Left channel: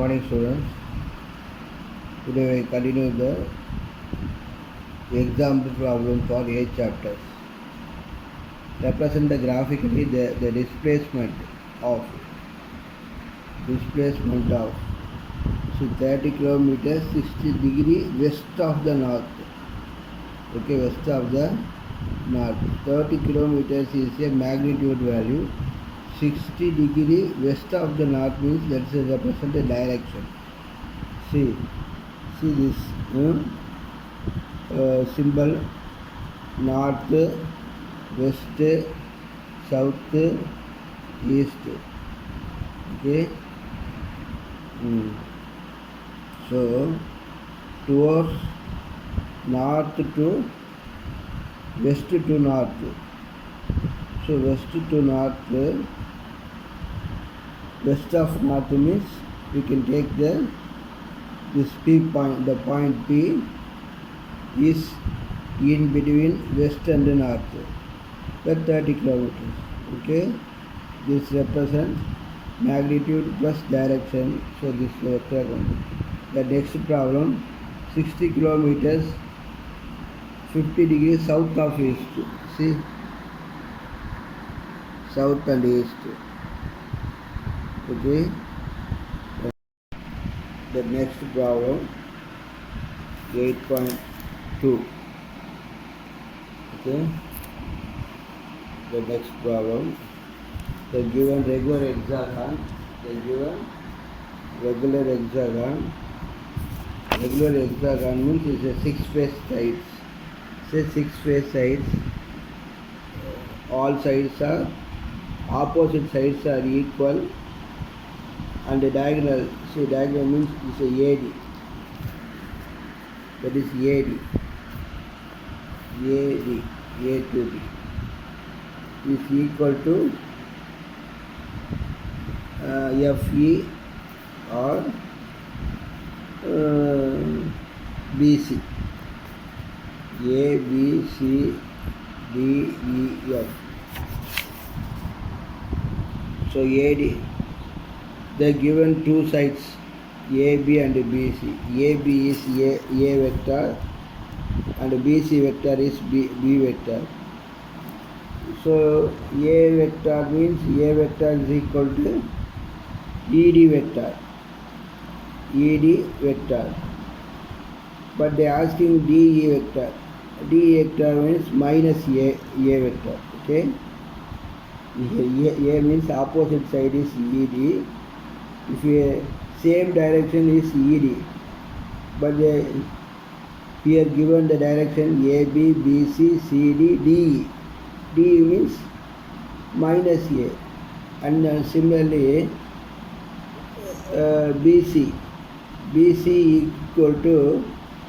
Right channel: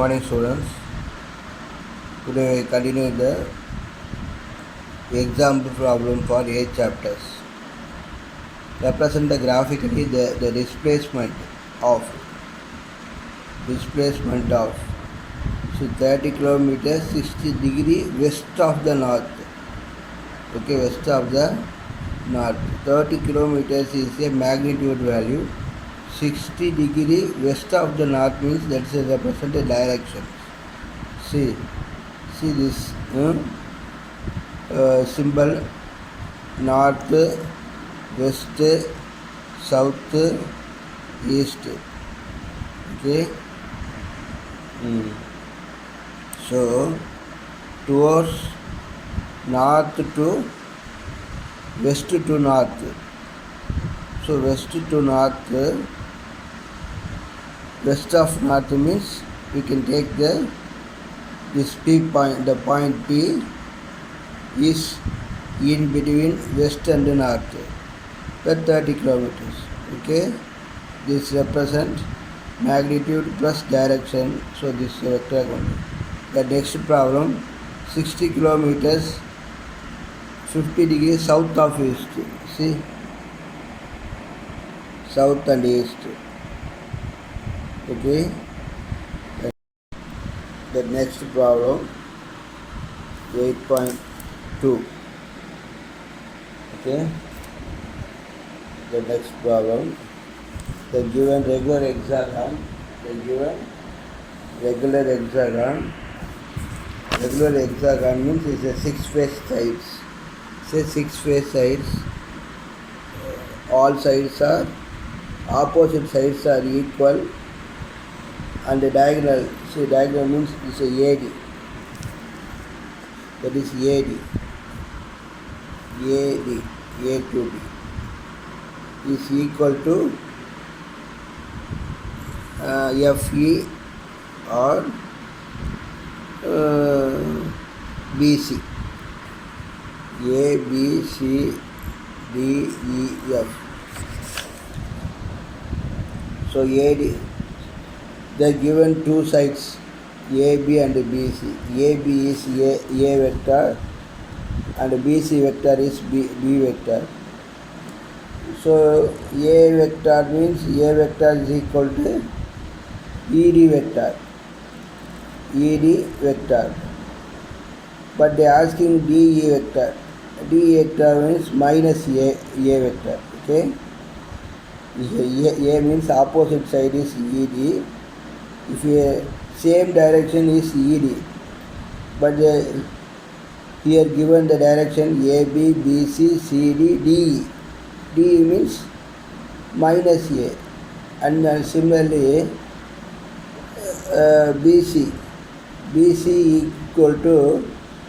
morning, students. Today we continue the example problem for 8 chapters. Represent graphically the displacement of 30 kilometers 60 degree west of the north. Okay, west of the north. 30 kilometers is a magnitude value. 60 degree west of the north means that is represent the direction. See this symbol: north, west, south, east. Okay. So towards north to west to north. So west to north, west of north means we can take this P point. The point P is in between west and north. That 30 kilometers. Okay. This represents magnitude plus direction. So this vector only. The next problem: 60 kilometers 50 degrees south of east. See, south and east. Okay. The next problem 8.2. Okay. The next problem: the given regular hexagon. Regular hexagon means it's a 6-face sides. Say 6-face sides. All sides are opposite sides are equal, and the diagonal. See, diagonal means it's a AD. That is AD. A to B is equal to FE or BC. A, B, C, D, E, F. So AD, they given two sides, AB and BC. AB is A vector and BC vector is B vector. So A vector means A vector is equal to ED vector. But they are asking DE vector. DE vector means minus A vector. Okay. A means opposite side is ED. If a same direction is ED, but here given the direction AB, BC, CD, DE. DE means minus A, and similarly BC equal to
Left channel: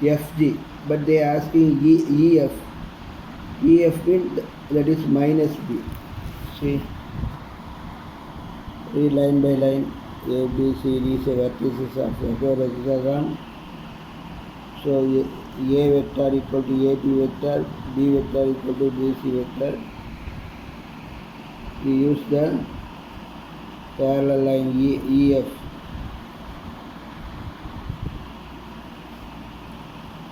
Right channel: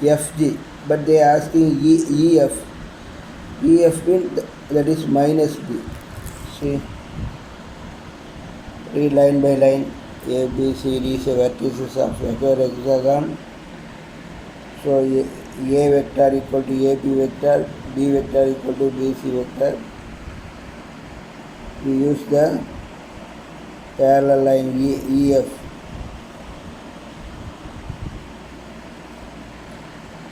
FG, but they are asking EF. EF means that is minus B. See, read line by line. A, B, C, D is a vertices of regular hexagon. So A vector equal to AB vector, B vector equal to BC vector. We use the parallel line EF.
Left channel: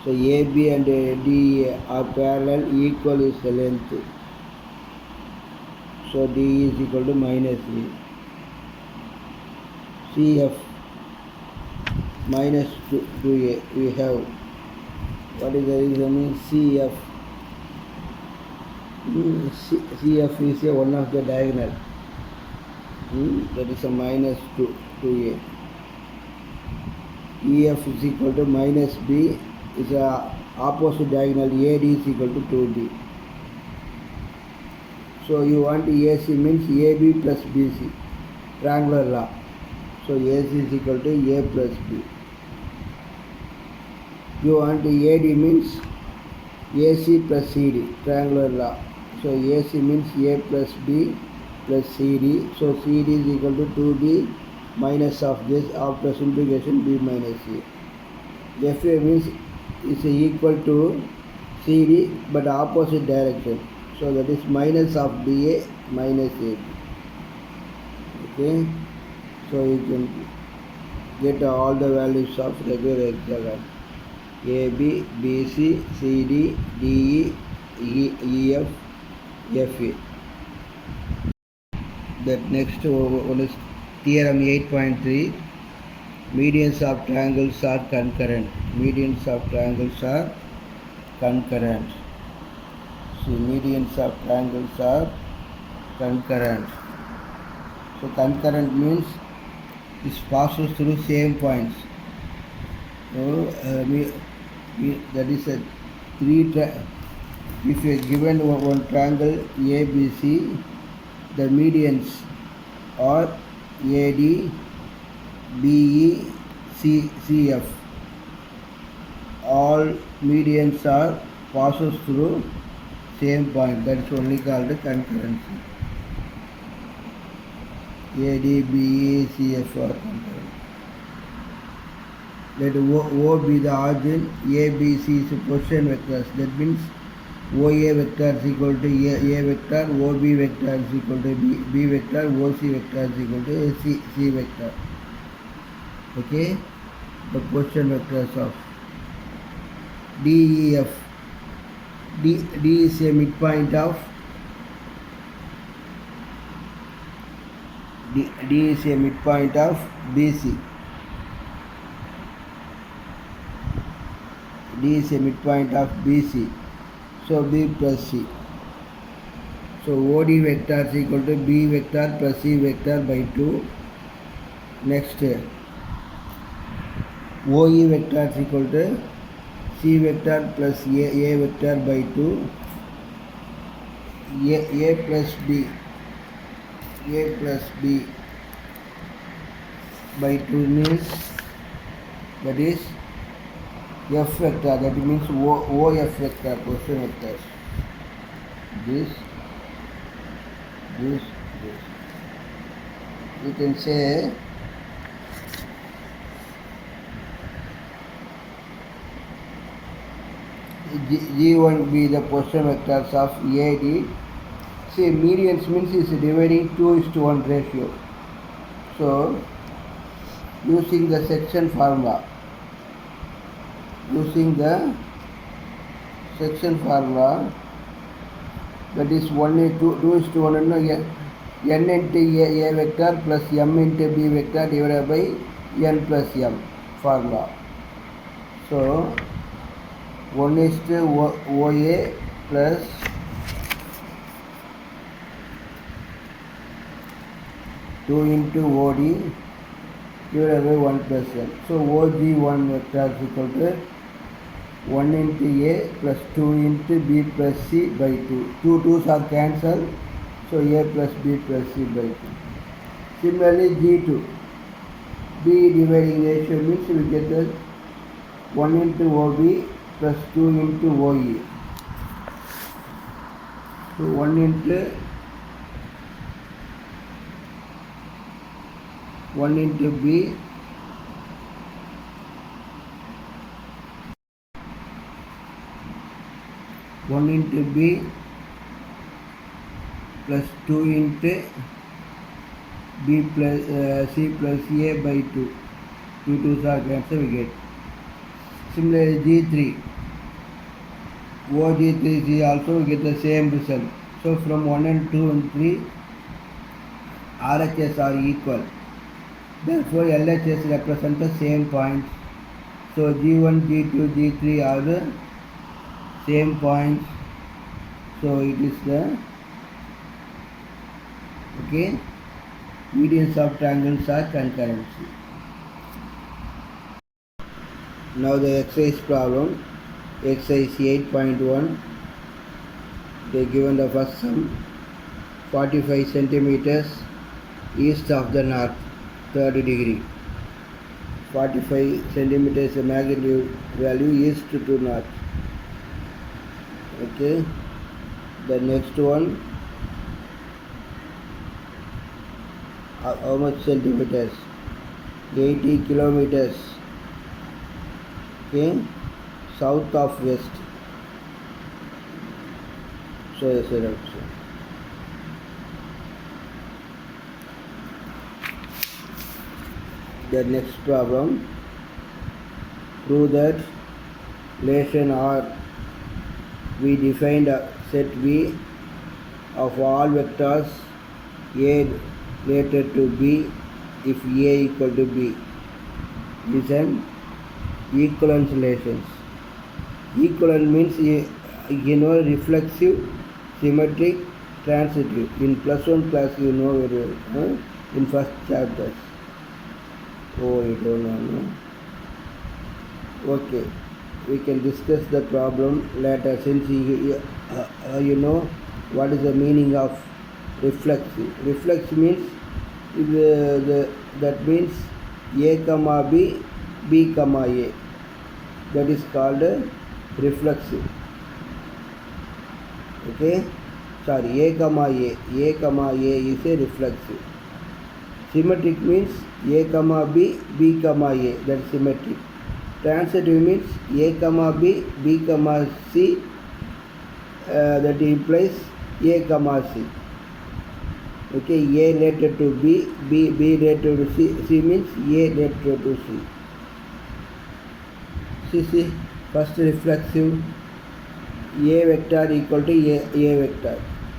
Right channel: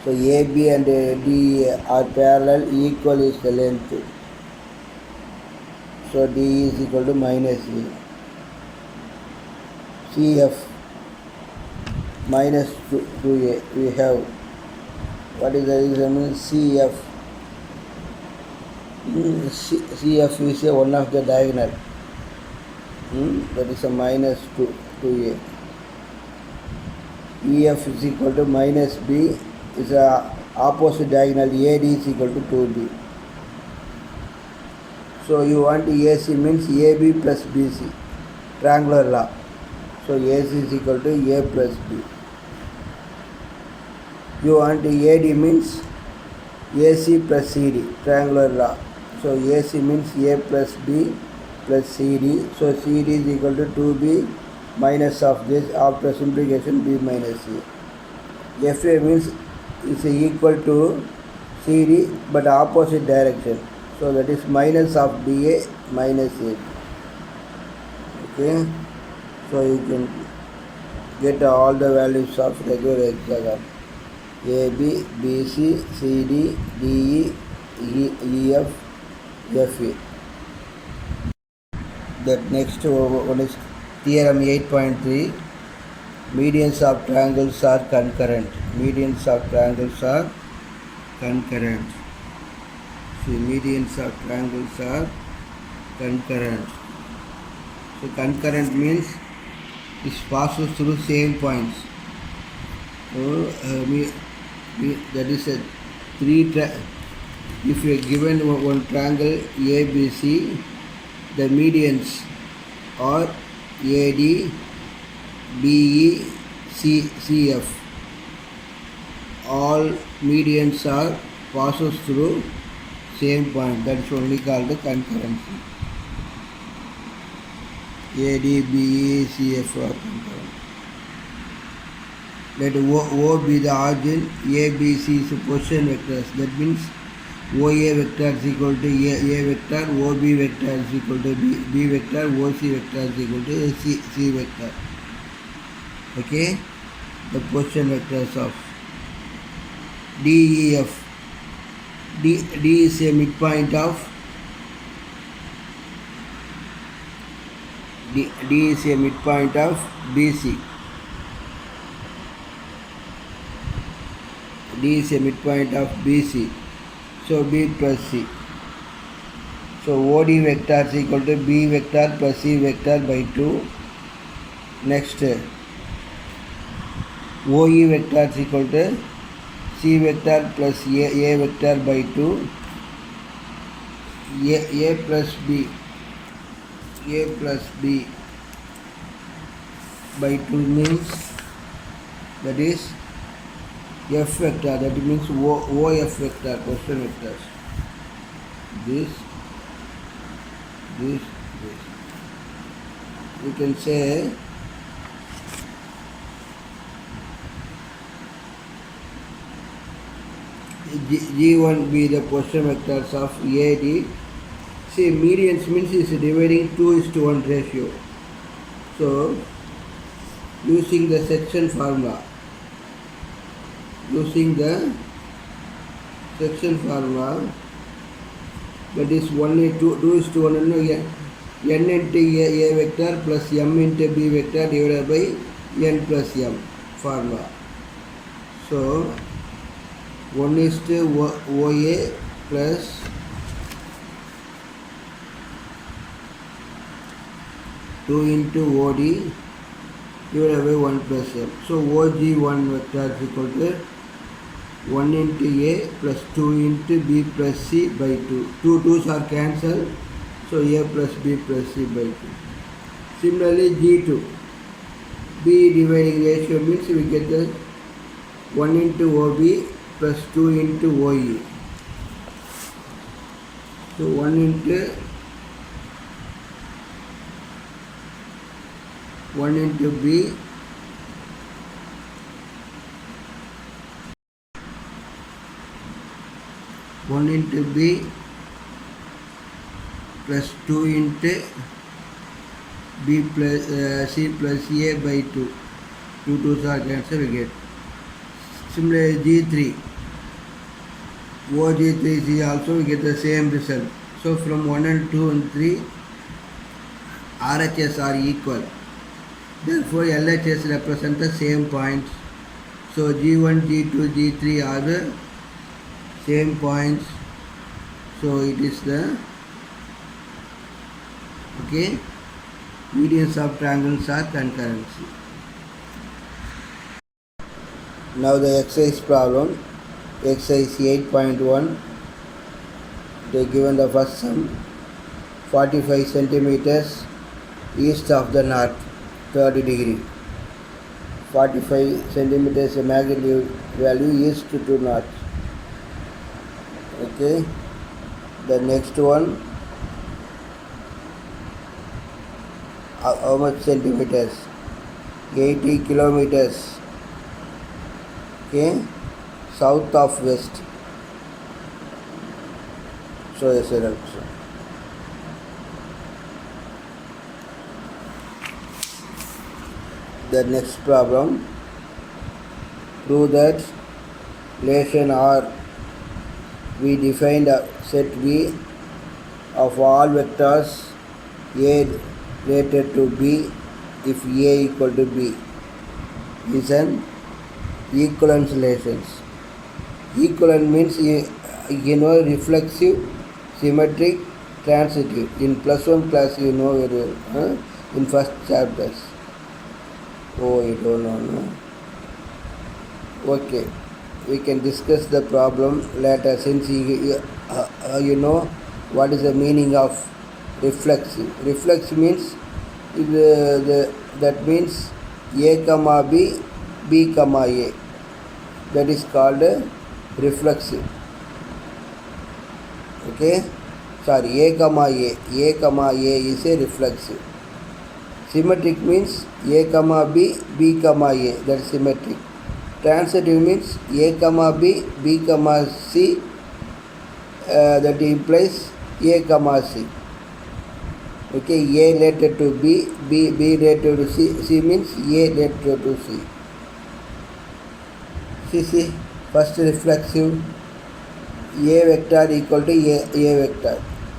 So AB and D are parallel, equal is the length. So D is equal to minus E. CF minus 2A we have. What is the reason? CF. CF is one of the diagonal. That is a minus 2A. EF is equal to minus B is a opposite diagonal. AD is equal to 2B. So you want AC means AB plus BC. Triangular law. So AC is equal to A plus B. You want AD means AC plus CD. Triangular law. So AC means A plus B plus CD. So CD is equal to 2B minus of this. After simplification, B minus A. FA means is equal to CD but opposite direction. So that is minus of BA minus AB. Okay. So you can get all the values of regular hexagon. A, B, B, C, C, D, D, E, F, F, A. That next one is theorem 8.3. Medians of triangles are concurrent. Medians of triangles are concurrent. See, medians of triangles are concurrent. So concurrent means it passes through same points. So that is a if you are given one triangle ABC, the medians are AD, BE, CF. All medians are passes through same point. That is only called the concurrency. AD, BE, CF are concurrent. Let O be the origin, A, B, C is position vectors. That means OA vector is equal to A vector, OB vector is equal to B vector, OC vector is equal to C vector. Okay, the position vectors of D, E, F. D is a midpoint of D is a midpoint of BC. D is a midpoint of BC. So B plus C. So OD vector is equal to B vector plus C vector by 2. Next, OE vector is equal to C vector plus A vector by 2. A plus B. A plus B by 2 means that is F vector, that means OF vector, position vectors. This. We can say G1 be the position vectors of AD. See, medians means is dividing 2:1 ratio. So, using the section formula, that is 2:1 n into A vector plus m into B vector divided by n plus m formula. So 1:OA plus two into OD divided by 1 plus m. So OG1 vector is equal to 1 into A plus 2 into B plus C by 2. 2 2's are cancelled. So A plus B plus C by 2. Similarly G2. B dividing ratio means we get the 1 into OB plus 2 into OE. So 1 into B plus 2 into B plus C plus A by 2. 2 2's are cancelled, we get. Similarly G3. OG3 is also we get the same result. So from 1 and 2 and 3 RHS are equal. Therefore LHS represent the same points. So G1, G2, G3 are the same points. So it is the medians of triangles are concurrency. Now the exercise problem, exercise 8.1. They given the first sum, 45 centimeters east of the north, 30 degree. 45 centimeters magnitude value east to north. Okay. The next one, how much centimeters? 80 kilometers. Okay, south of west. So yes, sir. The next problem, prove that relation R, we defined a set V of all vectors A related to B if A equal to B is an equivalence relations. Equivalent means reflexive, symmetric, transitive. In plus one class you know very well, in first chapters. Oh, you don't know, no? Okay, we can discuss the problem later since you know what is the meaning of reflexive. Reflexive means that means A comma B, B comma A. That is called reflexive. Okay, sorry, A comma A is a reflexive. Symmetric means A comma B, B comma A, that is symmetric. Transitive means A comma B, B comma C, that implies A comma C. Okay, A related to B, B related to C, C means A related to C. See, first reflexive, A vector equal to A vector.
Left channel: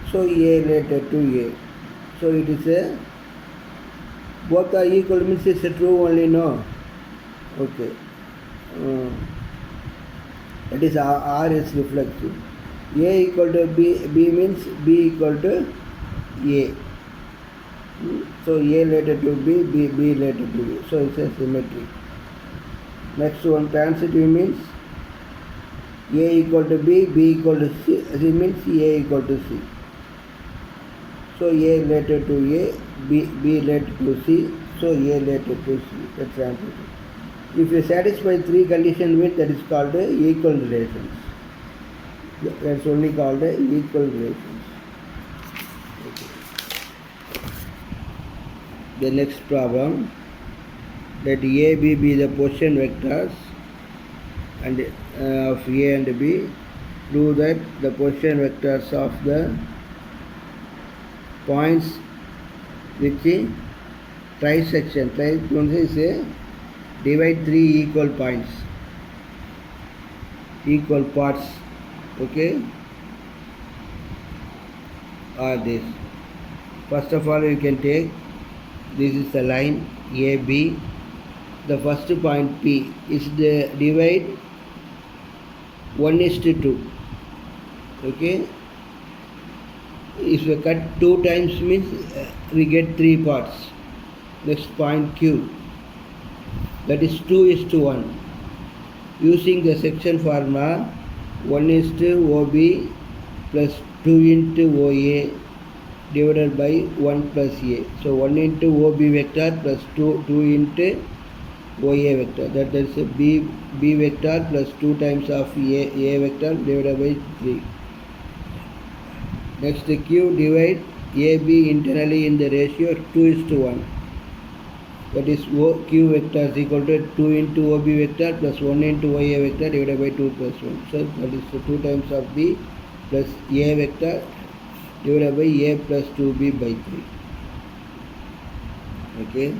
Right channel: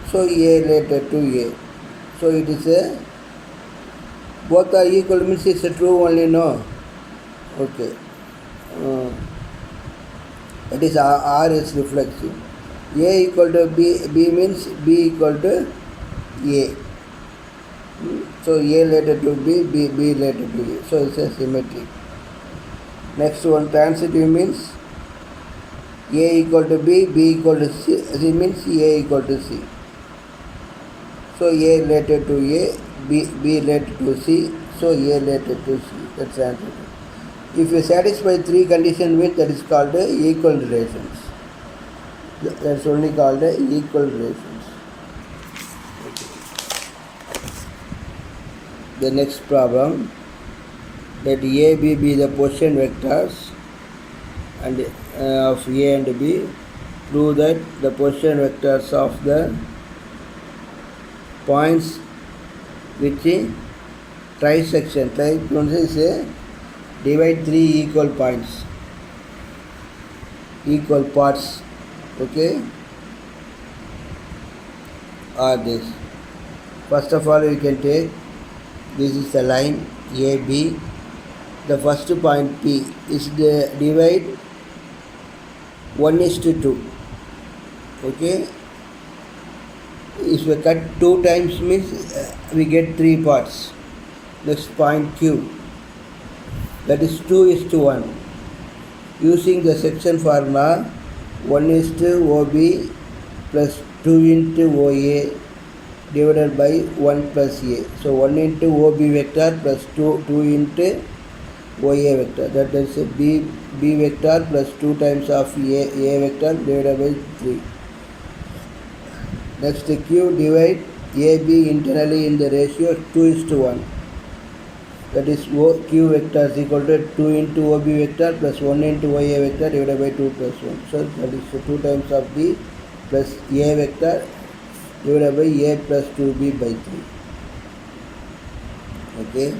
So A related to A. So it is a, both are equal means it's a true only, no? Okay. That is R is reflexive. A equal to B, B means B equal to A. So A related to B, B related to A. So it's a symmetry. Next one, transitive means A equal to B, B equal to C, C means A equal to C. So A related to A, B related to C, so A related to C. That's transitive. If you satisfy three conditions with, that is called equal relations. That's only called equal relations. The next problem, let A, B be the position vectors and of A and B. Prove that the position vectors of the points which trisection. Trisection is a divide three equal points, equal parts. Okay, are this. First of all, we can take, this is the line AB. The first point P is the divide 1:2. Okay, if we cut 2 times means we get 3 parts. Next point Q, that is 2:1. Using the section formula, 1:OB plus 2:OA divided by 1 plus A. So 1:OB vector plus 2:OA vector. That is a B vector plus 2 times of A vector divided by 3. Next, Q divide AB internally in the ratio 2:1. That is Q vector is equal to 2:OB vector plus 1:OA vector divided by 2 plus 1. So that is 2 times of B plus A vector divided by A plus 2B by 3. Okay.